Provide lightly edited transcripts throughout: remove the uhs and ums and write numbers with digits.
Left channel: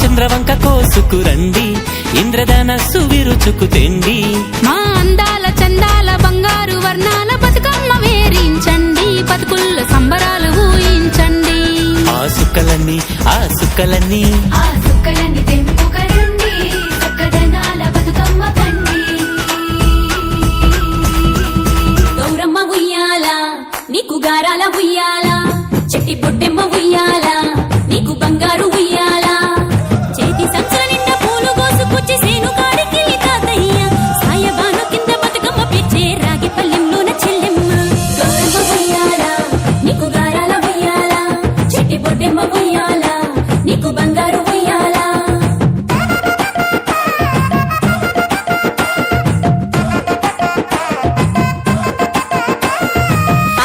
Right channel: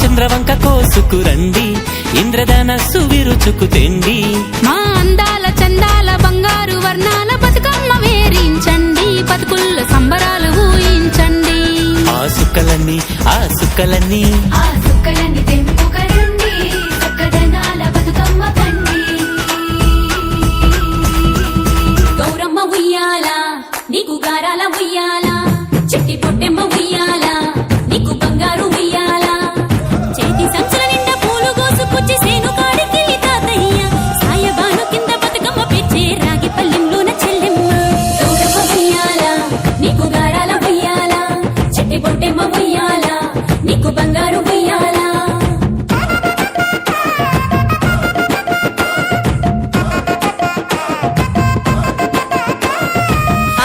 చంద్రవంక కోసుకురండి, ఇంద్రధనస్సు విరుచుకు తెండి. మా అందాల చందాల బంగారు వర్ణాల బతుకమ్మ వేరించండి, బతుకుల్ల సంబరాలు ఊహించండి. ఆ సుక్కలన్నీ తెంపుకరండి, చక్కదనాల బతుకమ్మ పండి. గౌరమ్మ ఉయ్యాల, నీకు గారాల ఉయ్యాల, చెట్టి పొట్టెమ్మ ఉయ్యాల, నీకు బంగారు ఉయ్యాల. చేతి సంచుల నిండా పూలు గోసుకొచ్చి సేను కాడికెళ్ళి తాతయ్య, సాయబాను కింద బతుకమ్మ పెచ్చే రాగి పల్లెంలోన చెల్లెమ్మ. గౌరమ్మ ఉయ్యాల, నీకు గారాల ఉయ్యాల, చెట్టి పొట్టెమ్మ ఉయ్యాల, నీకు బంగారు ఉయ్యాల.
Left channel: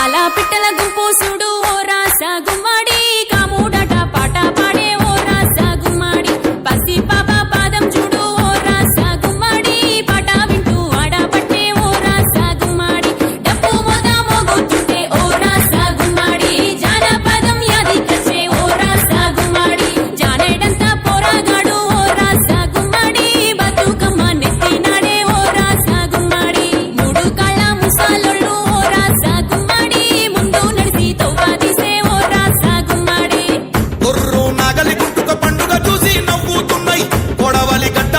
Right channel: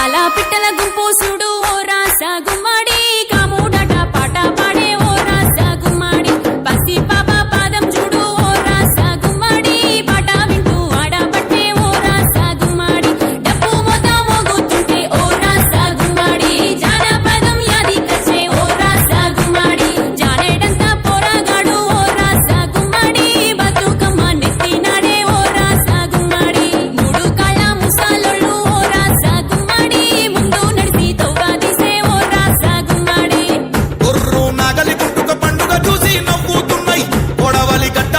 అలా పిట్టల గుంపు చూడు ఓ రాస గుమ్మడి, కాముడట పాట పాడే ఓ రాస గుమ్మడి. పసి పాప పాదం చూడు ఓ రాస గుమ్మడి, పాట వింటూ ఆడబట్టే ఓ రాస గుమ్మడి. డప్పు మోత మోగుతుంటే ఓ రాస గుమ్మడి, జానపదం యాదికొచ్చే ఓ రాస గుమ్మడి. జానేడంతా పోరాగాడు ఓ రాస గుమ్మడి, బతుకమ్మ నెత్తినాడే ఓ రాస గుమ్మడి. మూడు కాళ్ళ ముసాలొళ్ళు ఓ రాస గుమ్మడి, ముందు నడిసి తవ్వాదీసే ఓ రాస గుమ్మడి. గొర్రు నాగలి గుంటుక పండుగ చూసి నవ్వుతున్నాయి, కొడవలి గట్ట